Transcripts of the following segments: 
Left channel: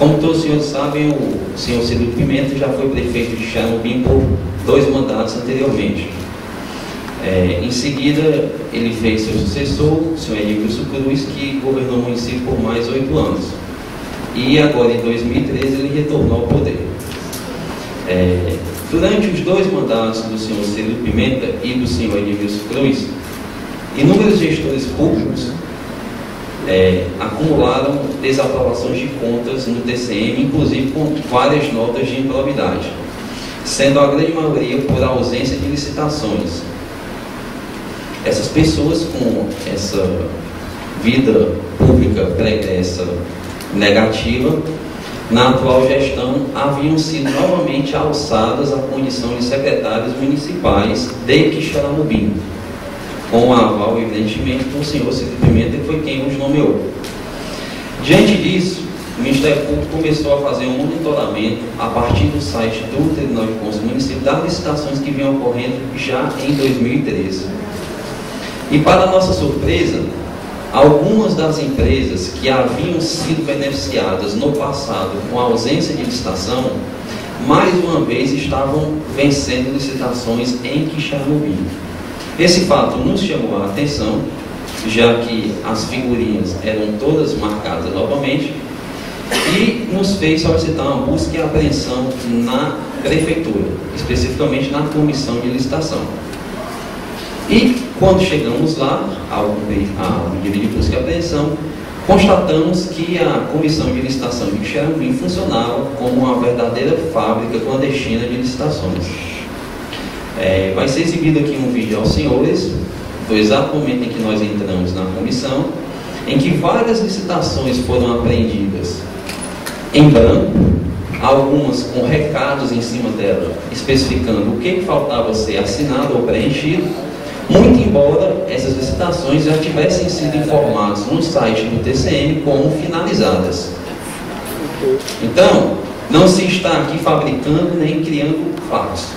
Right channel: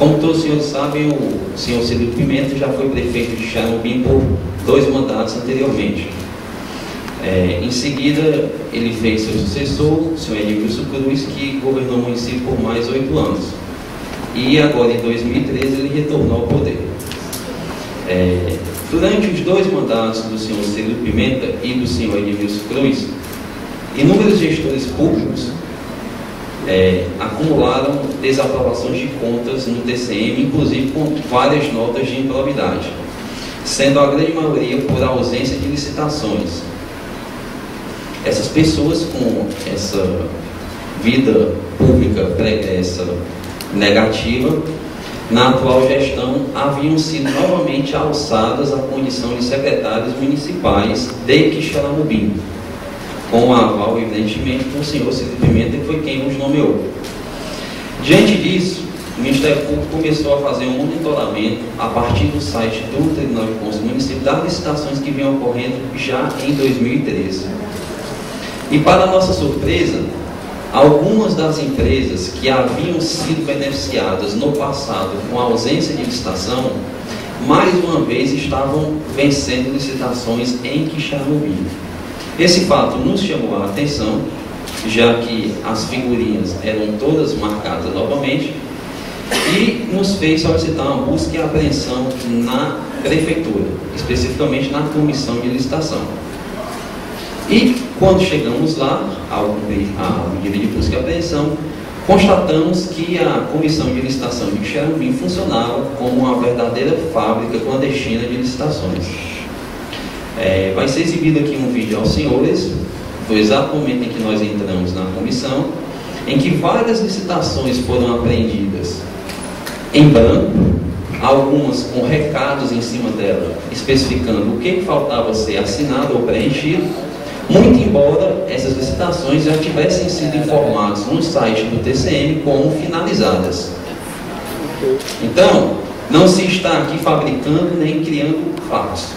Como todos os senhores sabem, o senhor Cirilo Pimenta já foi prefeito de Xaramubim por 2 mandatos anteriormente. Em seguida, ele fez seu sucessor, o senhor Edmilson Cruz, que governou o município por mais 8 anos. E agora, em 2013, ele retornou ao poder. Durante os 2 mandatos do senhor Cirilo Pimenta e do senhor Edmilson Cruz, inúmeros gestores públicos acumularam desaprovações de contas no TCM, inclusive com várias notas de improbidade, sendo a grande maioria por ausência de licitações. Essas pessoas com essa vida pública pregressa negativa, na atual gestão, haviam sido novamente alçadas à condição de secretários municipais de Quixeramobim, com o aval, evidentemente, do senhor Cirilo Pimenta, que foi quem os nomeou. Diante disso, o Ministério Público começou a fazer um monitoramento a partir do site do Tribunal de Contas do município das licitações que vinham ocorrendo já em 2013. E, para nossa surpresa, algumas das empresas que haviam sido beneficiadas no passado com a ausência de licitação, mais uma vez estavam vencendo licitações em Quixeramobim. Esse fato nos chamou a atenção, já que as figurinhas eram todas marcadas novamente, e nos fez solicitar uma busca e apreensão na prefeitura, especificamente na comissão de licitação. E quando chegamos lá, ao cumprir a medida de busca e apreensão, constatamos que a comissão de licitação de Quixeramobim funcionava como uma verdadeira fábrica clandestina de licitações. Vai ser exibido aqui um vídeo aos senhores, do exato momento em que nós entramos na comissão, em que várias licitações foram apreendidas em branco, algumas com recados em cima dela, especificando o que faltava ser assinado ou preenchido, muito embora essas licitações já tivessem sido informadas no site do TCM como finalizadas. Então, não se está aqui fabricando nem criando fatos.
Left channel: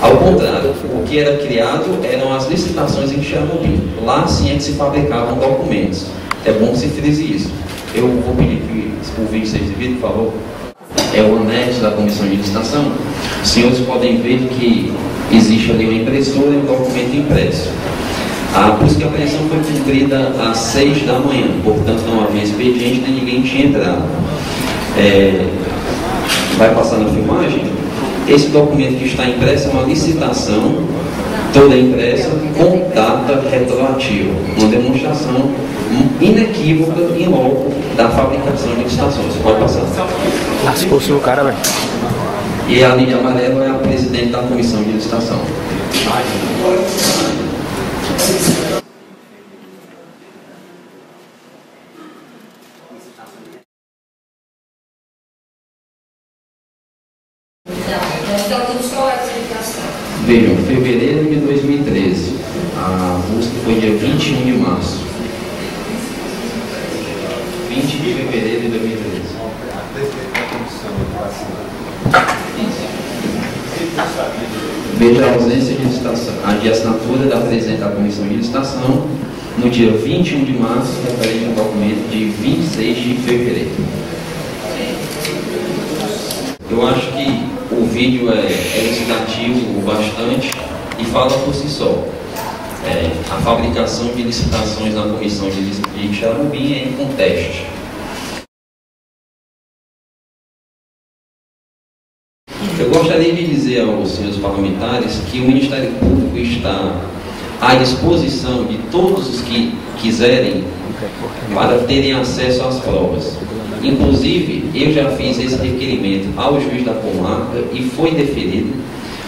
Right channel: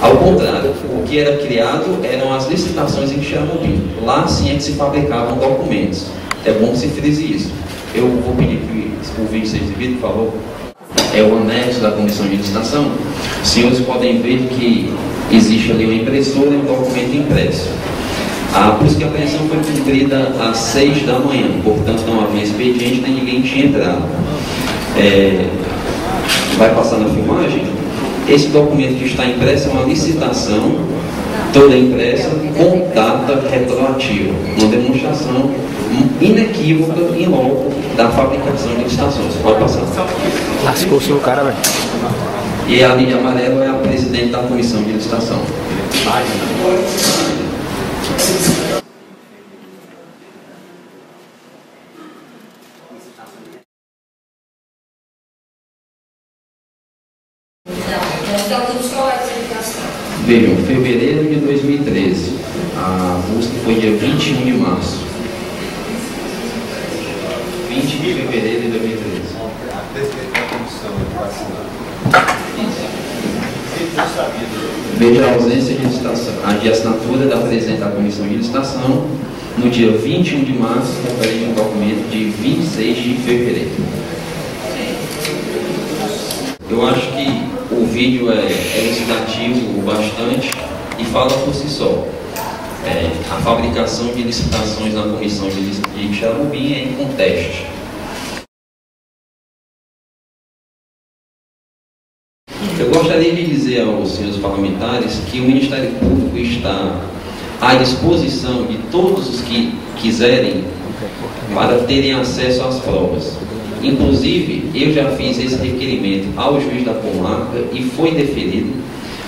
Ao contrário, o que era criado eram as licitações em Quixeramobim. Lá sim é que se fabricavam documentos. É bom que se frise isso. Eu vou pedir que o vídeo seja exibido, por favor. É o anexo da comissão de licitação. Os senhores podem ver que existe ali uma impressora e um documento impresso. A busca e apreensão foi cumprida às 6 da manhã, portanto não havia expediente nem ninguém tinha entrado. Vai passar na filmagem? Esse documento que está impresso é uma licitação, toda impressa, com data retroativa, uma demonstração inequívoca em loco da fabricação de licitações. Pode passar. Lascou o cara, velho. E a linha amarela é a presidente da comissão de licitação. Vejam, fevereiro de 2013. A busca foi dia 21 de março. 20 de fevereiro de 2013. Veja a ausência de licitação, de assinatura da presidente da comissão de licitação no dia 21 de março, referente ao documento de 26 de fevereiro. Eu acho que o vídeo é elucidativo bastante e fala por si só. A fabricação de licitações na comissão de Quixeramobim é em conteste. Eu gostaria de dizer aos senhores parlamentares que o Ministério Público está à disposição de todos os que quiserem para terem acesso às provas. Inclusive, eu já fiz esse requerimento ao juiz da comarca e foi deferido,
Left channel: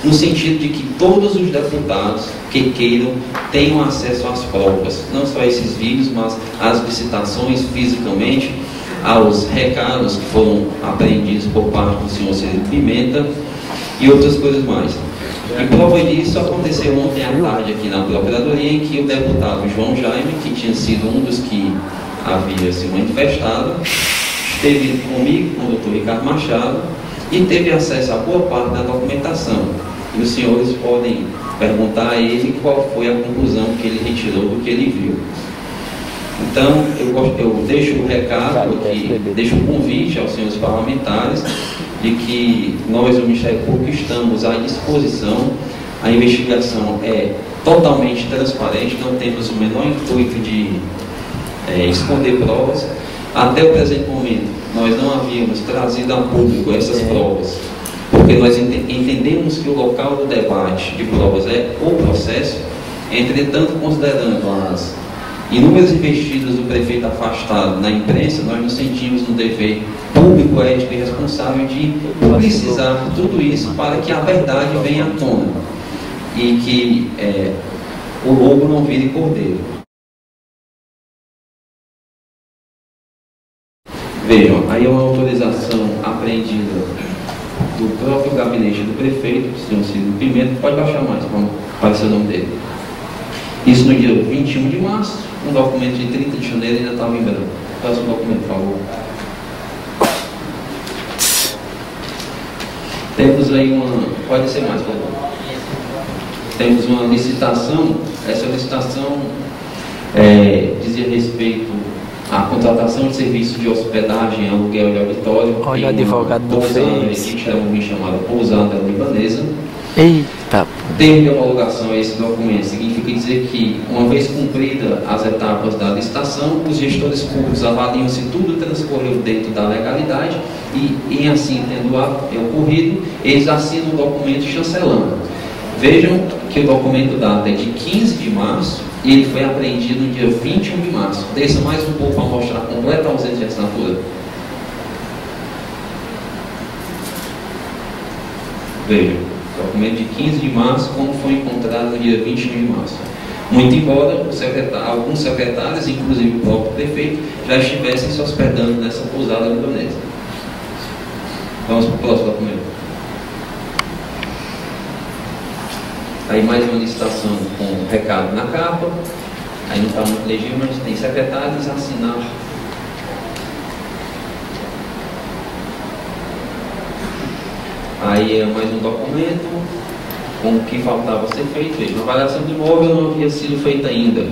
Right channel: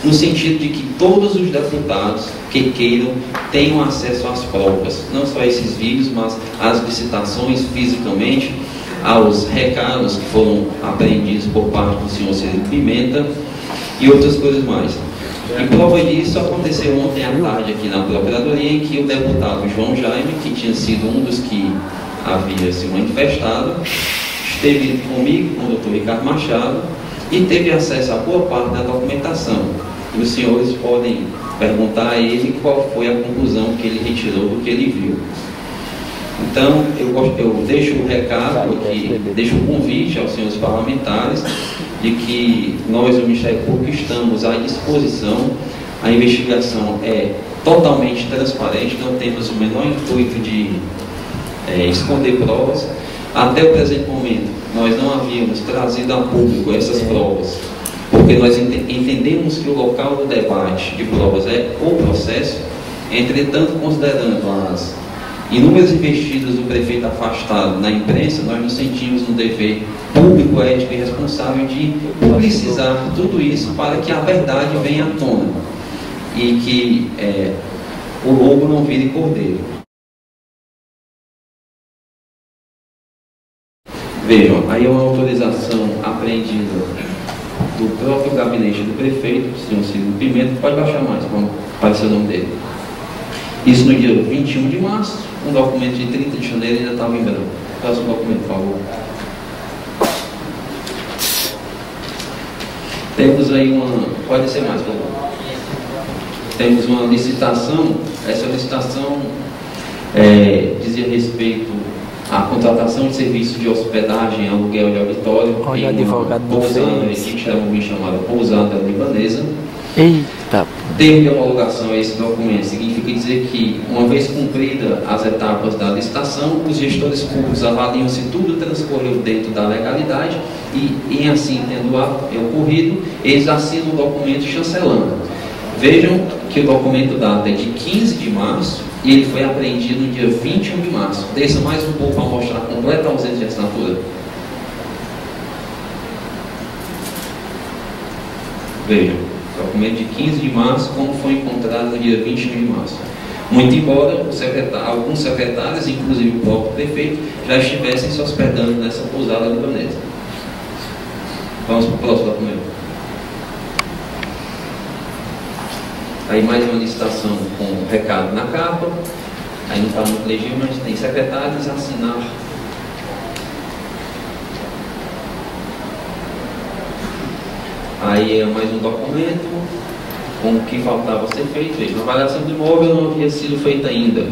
no sentido de que todos os deputados que queiram tenham acesso às provas, não só esses vídeos, mas às licitações fisicamente, aos recados que foram apreendidos por parte do senhor Cirilo Pimenta e outras coisas mais. E prova disso aconteceu ontem à tarde aqui na Procuradoria, em que o deputado João Jaime, que tinha sido um dos que havia se manifestado, esteve comigo, com o doutor Ricardo Machado, e teve acesso a boa parte da documentação. E os senhores podem perguntar a ele qual foi a conclusão que ele retirou do que ele viu. Então, eu deixo o recado aqui, deixo o convite aos senhores parlamentares de que nós, do Ministério Público, estamos à disposição. A investigação é totalmente transparente, não temos o menor intuito de esconder provas. Até o presente momento, nós não havíamos trazido a público essas provas, porque nós entendemos que o local do debate de provas é o processo. Entretanto, considerando as inúmeras investidas do prefeito afastado na imprensa, nós nos sentimos no dever público, ético e responsável de publicizar tudo isso para que a verdade venha à tona e que o lobo não vire cordeiro. Vejam, aí é uma autorização apreendida do próprio gabinete do prefeito, o senhor Ciro Pimenta. Pode baixar mais para aparecer o nome dele. Isso no dia 21 de março, um documento de 30 de janeiro ainda estava em branco. Próximo documento, por favor. Temos aí pode ser mais, por favor. Temos uma licitação. Essa licitação dizia respeito à contratação de serviço de hospedagem, aluguel de auditório. Olha o advogado do pousada, que chamada Pousada Libanesa. Eita! Termo de homologação a esse documento significa dizer que, uma vez cumprida as etapas da licitação, os gestores públicos avaliam se tudo transcorreu dentro da legalidade e, em assim tendo ocorrido, eles assinam o documento chancelando. Vejam que o documento data de 15 de março e ele foi apreendido no dia 21 de março. Desça mais um pouco para mostrar a completa ausência de assinatura. Vejam, documento de 15 de março, como foi encontrado no dia 21 de março. Muito embora alguns secretários, inclusive o próprio prefeito, já estivessem se hospedando nessa pousada libanesa. Vamos para o próximo documento. Aí mais uma licitação com recado na capa. Aí não está muito legível, mas tem secretários a assinar. Aí é mais um documento com o que faltava ser feito. Veja, a avaliação do imóvel não havia sido feita ainda.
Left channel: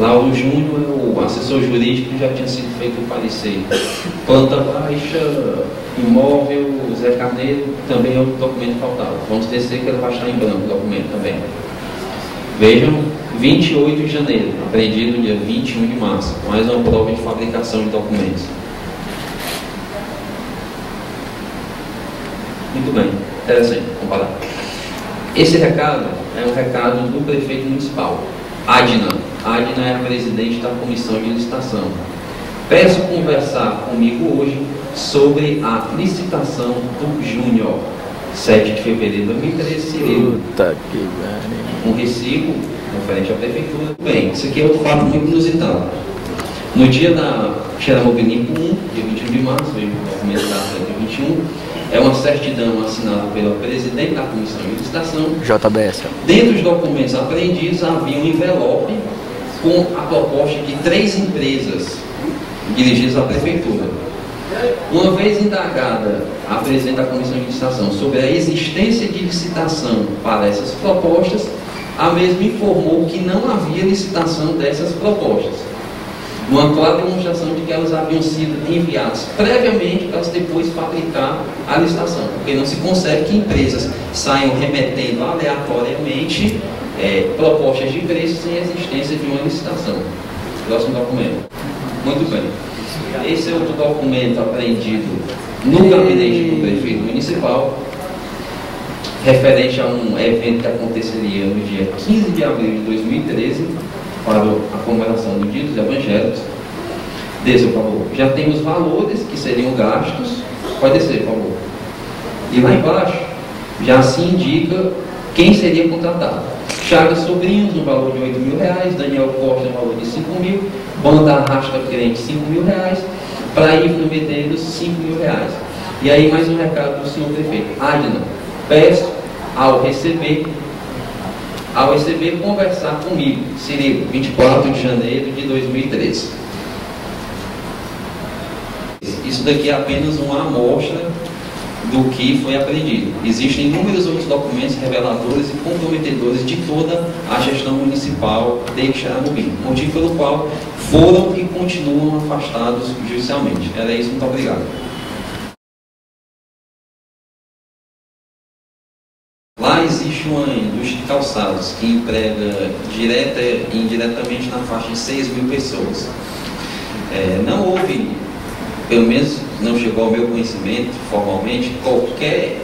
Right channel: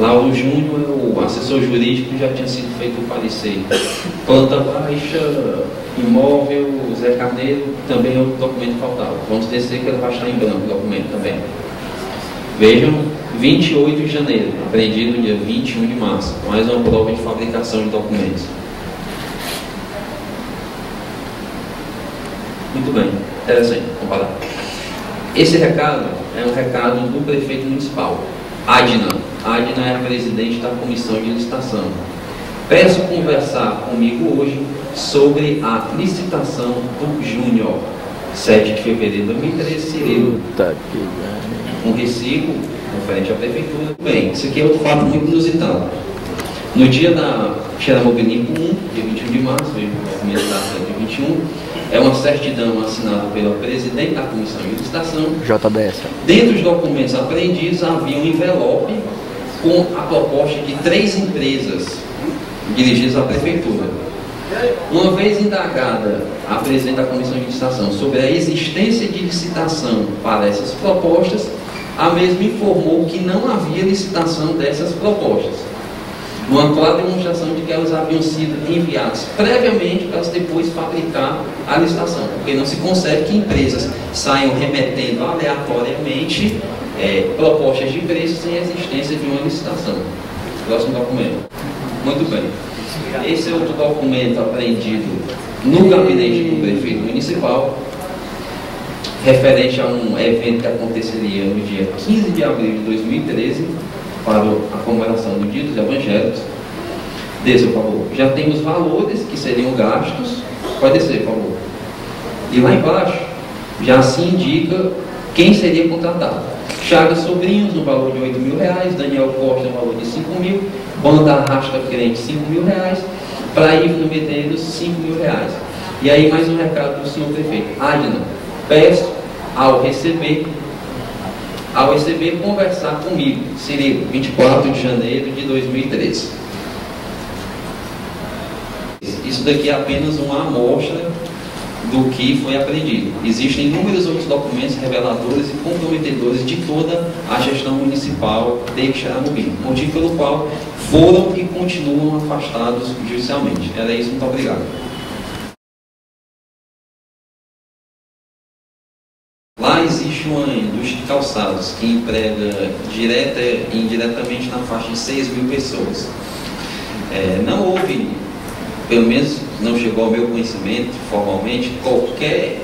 Lauro Júnior, o assessor jurídico, já tinha sido feito o parecer. Planta baixa, imóvel, Zé Carneiro, também é outro documento que faltava. Vamos descer que ele vai estar em branco o documento também. Vejam, 28 de janeiro, apreendido no dia 21 de março. Mais uma prova de fabricação de documentos. Muito bem, interessante, comparar. Esse recado é um recado do prefeito municipal, Adna. Adna é a presidente da comissão de licitação. Peço conversar comigo hoje sobre a licitação do Júnior. 7 de fevereiro de 2013, Cirilo. Um recibo referente à prefeitura. Bem, isso aqui é outro fato muito inusitado. No dia da Xeramobinico 1, dia 21 de março, veio o documento da dia 21, é uma certidão assinada pela presidente da comissão de licitação. JBS. Dentro dos documentos apreendidos havia um envelope com a proposta de 3 empresas dirigidas à prefeitura. Uma vez indagada a presidente da comissão de licitação sobre a existência de licitação para essas propostas, a mesma informou que não havia licitação dessas propostas, uma clara demonstração de que elas haviam sido enviadas previamente para depois fabricar a licitação, porque não se concebe que empresas saiam remetendo aleatoriamente propostas de preços sem a existência de uma licitação. Próximo documento. Muito bem. Esse é outro documento apreendido no gabinete do prefeito municipal, referente a um evento que aconteceria no dia 15 de abril de 2013, para a comemoração do Dia dos Evangelhos. Desça, por favor. Já tem os valores que seriam gastos. Pode descer, por favor. E lá embaixo, já se indica quem seria contratado. Chagas Sobrinhos, no valor de R$8.000. Daniel Costa, no valor de R$5.000. Banda Arrasta Crente, R$5.000. Praívno Medeiros, R$5.000. E aí mais um recado do senhor prefeito. Adna, peço ao receber, conversar comigo, Cirilo, 24 de janeiro de 2013. Isso daqui é apenas uma amostra do que foi apreendido. Existem inúmeros outros documentos reveladores e comprometedores de toda a gestão municipal de Xaramubim, motivo pelo qual foram e continuam afastados judicialmente. Era isso, muito obrigado. Lá existe uma indústria de calçados que emprega direta e indiretamente na faixa de 6 mil pessoas. Não houve, pelo menos não chegou ao meu conhecimento formalmente, qualquer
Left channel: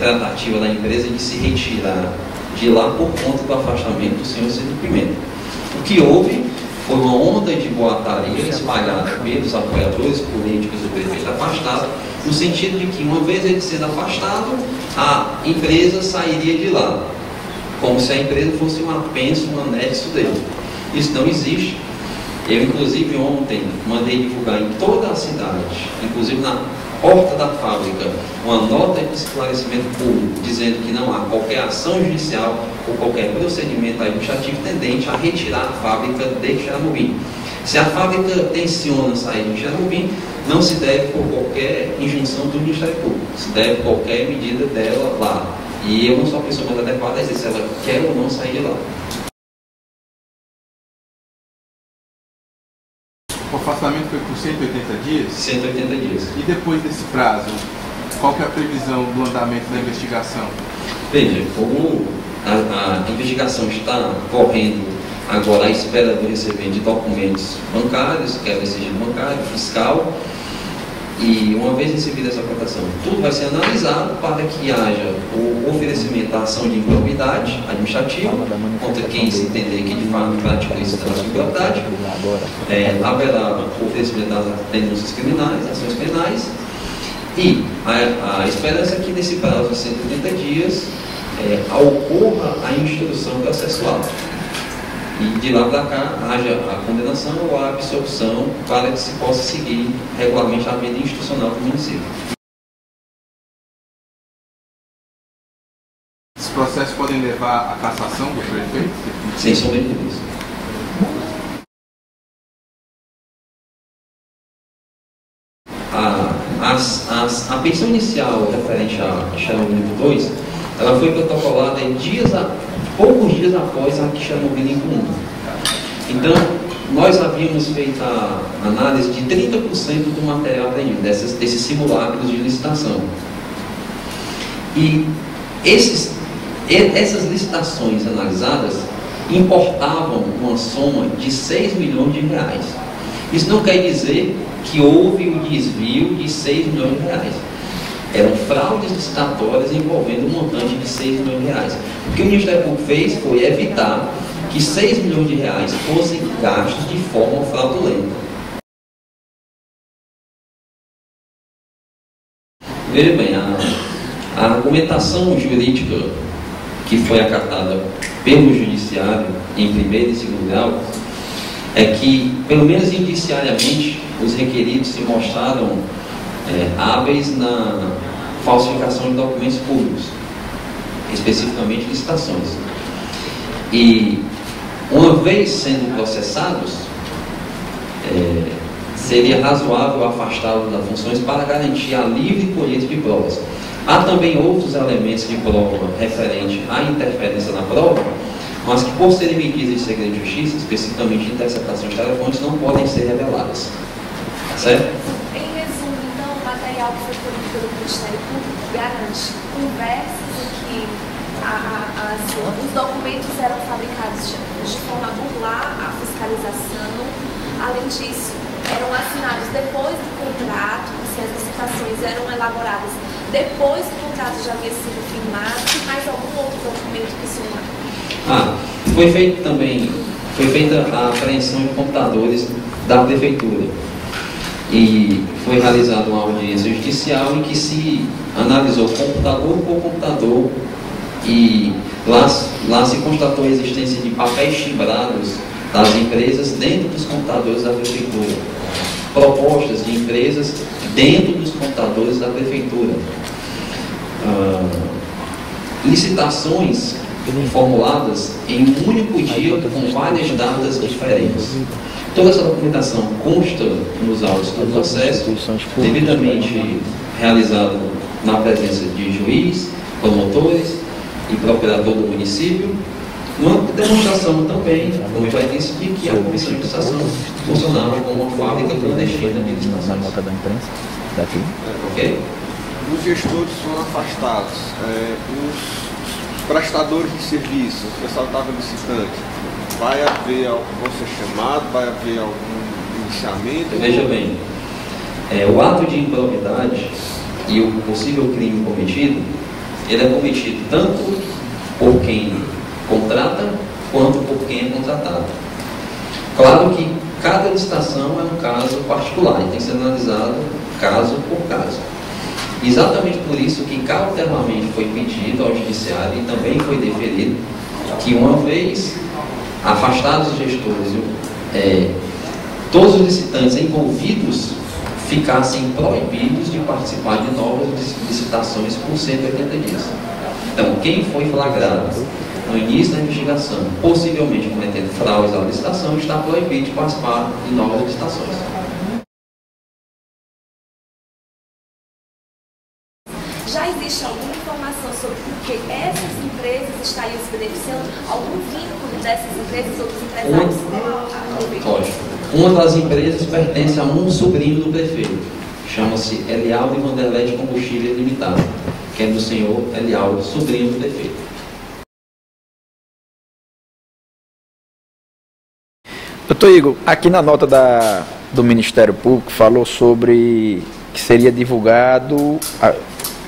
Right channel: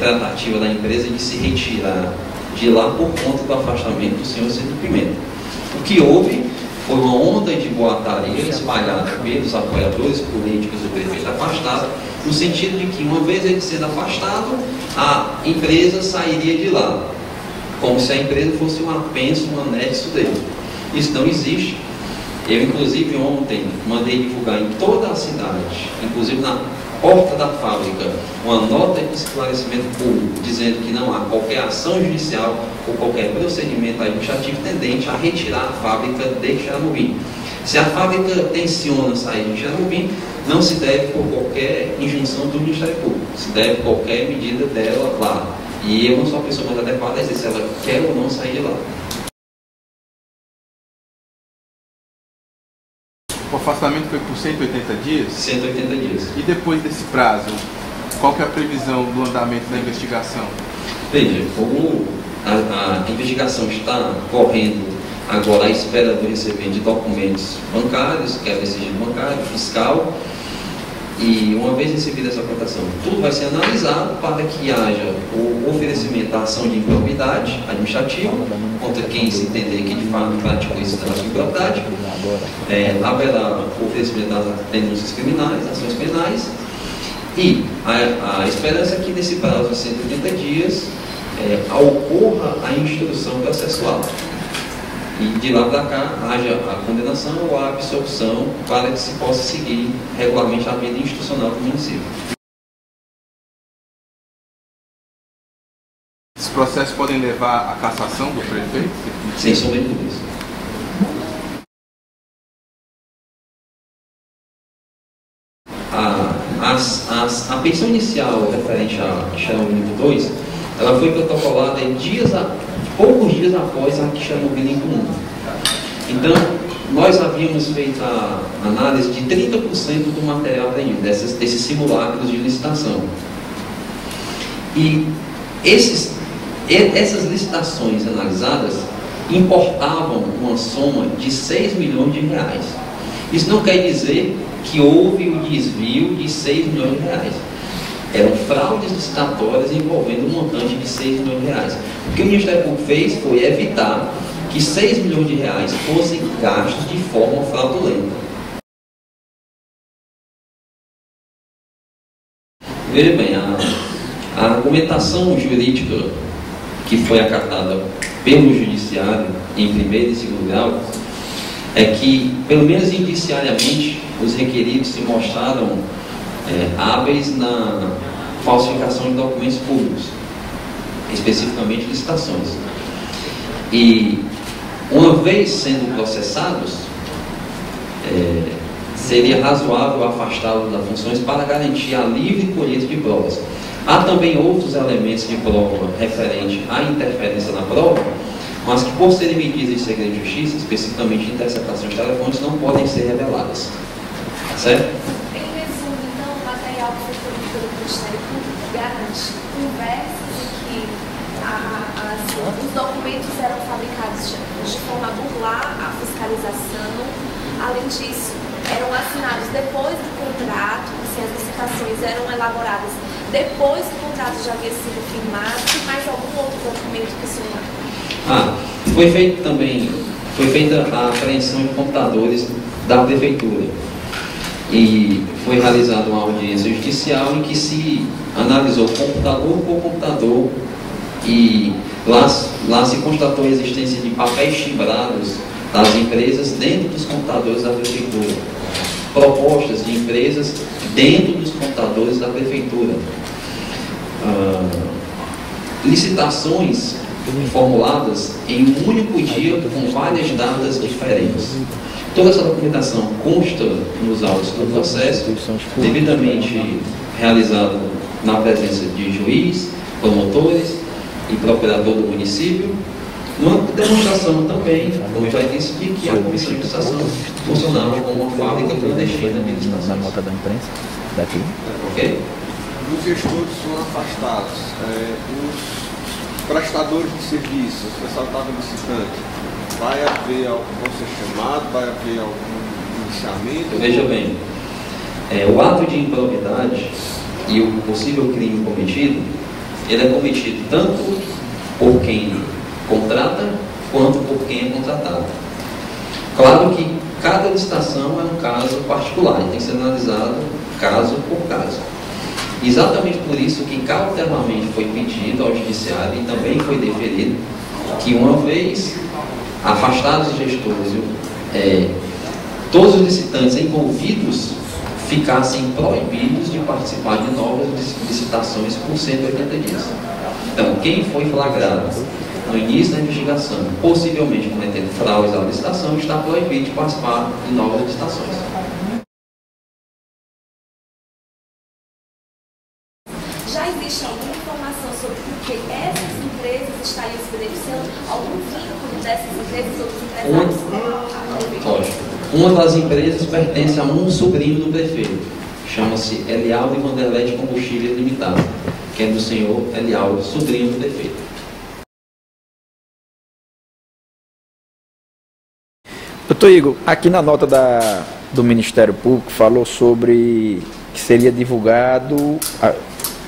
tratativa da empresa de se retirar de lá por conta do afastamento do senhor Cito Pimenta. O que houve foi uma onda de boataria espalhada pelos apoiadores políticos do prefeito afastado, no sentido de que, uma vez ele sendo afastado, a empresa sairia de lá, como se a empresa fosse um apenso, um anexo dele. Isso não existe. Eu, inclusive, ontem mandei divulgar em toda a cidade, inclusive na porta da fábrica, uma nota de esclarecimento público dizendo que não há qualquer ação judicial ou qualquer procedimento administrativo tendente a retirar a fábrica de Xaramubim. Se a fábrica tenciona sair de Xaramubim, não se deve por qualquer injunção do Ministério Público, se deve qualquer medida dela lá. E eu não sou a pessoa mais adequada a dizer se ela quer ou não sair de lá. O afastamento foi por 180 dias? 180 dias. E depois desse prazo, qual que é a previsão do andamento da investigação? Veja, como a investigação está correndo agora à espera do recebimento de documentos bancários, que é o sigilo bancário, fiscal, e uma vez recebida essa cotação, tudo vai ser analisado para que haja o oferecimento da ação de improbidade administrativa contra quem se entender que de fato praticou isso da improbidade. Haverá o oferecimento das denúncias criminais, ações penais, e a esperança é que nesse prazo de 180 dias ocorra a instrução processual. E de lá para cá haja a condenação ou a absolução para que se possa seguir regularmente a vida institucional do município. Esses processos podem levar à cassação do prefeito? Sem sombra de dúvidas. A pensão inicial referente a Xaramubim 2, ela foi protocolada em poucos dias após a Xaramubim Limpo 1. Então, nós havíamos feito a análise de 30% do material apreendido, desses simulacros de licitação. E essas licitações analisadas importavam uma soma de 6 milhões de reais. Isso não quer dizer que houve o desvio de 6 milhões de reais. Eram fraudes licitatórias envolvendo um montante de 6 milhões de reais. O que o Ministério Público fez foi evitar que 6 milhões de reais fossem gastos de forma fraudulenta. Veja bem, a argumentação jurídica que foi acatada pelo Judiciário em primeiro e segundo grau é que, pelo menos indiciariamente, os requeridos se mostraram hábeis na falsificação de documentos públicos, especificamente licitações. E, uma vez sendo processados, seria razoável afastá-los das funções para garantir a livre colheita de provas. Há também outros elementos de prova referente à interferência na prova, mas que, por serem medidas de segredo de justiça, especificamente interceptação de telefones, não podem ser reveladas. Certo? Em resumo, então, o material que foi fornecido pelo Ministério Público garante conversas em que os documentos eram fabricados de forma a burlar a fiscalização. Além disso, eram assinados depois do contrato, assim, as licitações eram elaboradas depois que o contrato já havia sido firmado. E mais algum outro documento que se foi feita a apreensão de computadores da prefeitura. E foi realizada uma audiência judicial em que se analisou computador por computador e lá se constatou a existência de papéis timbrados das empresas dentro dos computadores da prefeitura, propostas de empresas dentro dos computadores da prefeitura, licitações formuladas em um único dia com várias datas diferentes. Toda essa documentação consta nos autos do processo, devidamente realizado na presença de juiz, promotores e procurador do município, uma demonstração também, como eu já disse, de que a Comissão de Licitação funcionava como uma fábrica clandestina de licitações. Na nota da imprensa, daqui. Ok? Os gestores foram afastados, os prestadores de serviços, o pessoal estava licitante, vão ser chamados, vai haver algum iniciamento? Veja bem, o ato de improbidade e o possível crime cometido, ele é cometido tanto por quem contrata quanto por quem é contratado. Claro que cada licitação é um caso particular e tem que ser analisado caso por caso. Exatamente por isso que cautelarmente foi pedido ao Judiciário e também foi deferido que, uma vez afastados os gestores, todos os licitantes envolvidos ficassem proibidos de participar de novas licitações por 180 dias. Então, quem foi flagrado no início da investigação, possivelmente cometendo fraudes à licitação, está proibido de participar de novas licitações. Já existe alguma informação sobre por que essas empresas estariam se beneficiando? Algum vínculo dessas empresas, outros empresários com a governo? Lógico. Uma das empresas pertence a um sobrinho do prefeito. Chama-se Elialdo e Vanderlei de Combustível Limitado, que é do senhor Elialdo, sobrinho do prefeito. Doutor Igor, aqui na nota do Ministério Público falou sobre que seria divulgado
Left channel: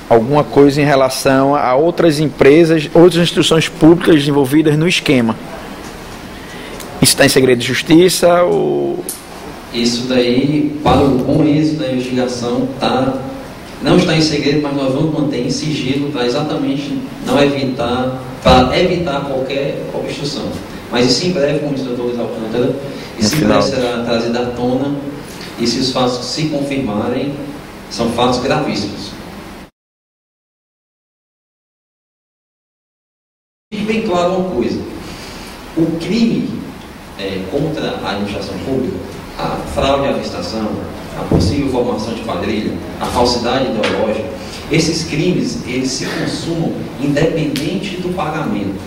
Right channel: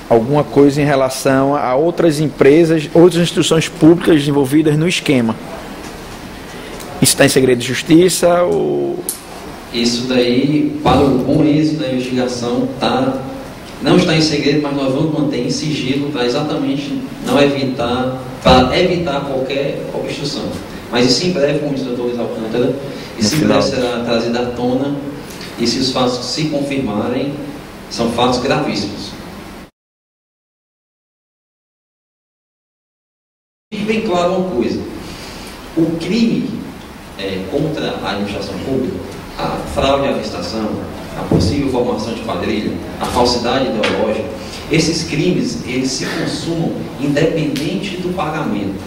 alguma coisa em relação a outras empresas, outras instituições públicas envolvidas no esquema. Isso está em segredo de justiça ou... Isso daí, para o bom êxito da investigação, não está em segredo, mas nós vamos manter em sigilo para exatamente evitar qualquer obstrução. Mas isso em breve, como disse o doutor Luiz Alcântara, isso em breve será trazido à tona, e se os fatos se confirmarem, são fatos gravíssimos. Fique bem claro uma coisa: o crime contra a administração pública, a fraude à licitação, a possível formação de quadrilha, a falsidade ideológica, esses crimes, eles se consumam independente do pagamento.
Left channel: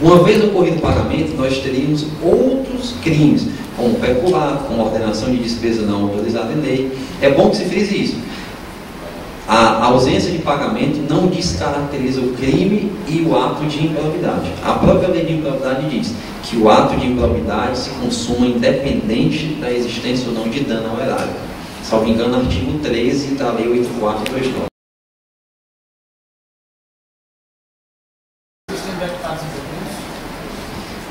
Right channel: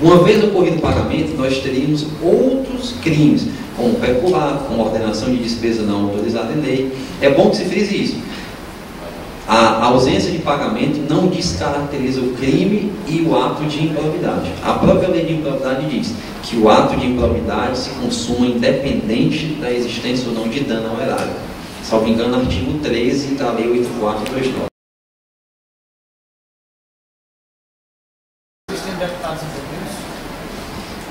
Uma vez ocorrido o pagamento, nós teríamos outros crimes, como peculato, como ordenação de despesa não autorizada em lei. É bom que se frise isso. A ausência de pagamento não descaracteriza o crime e o ato de improbidade. A própria lei de improbidade diz que o ato de improbidade se consuma independente da existência ou não de dano ao erário. Salvo engano, artigo 13 da Lei 8429.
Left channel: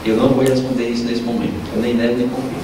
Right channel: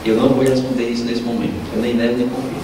Eu não vou responder isso nesse momento. Eu nem nego nem confio.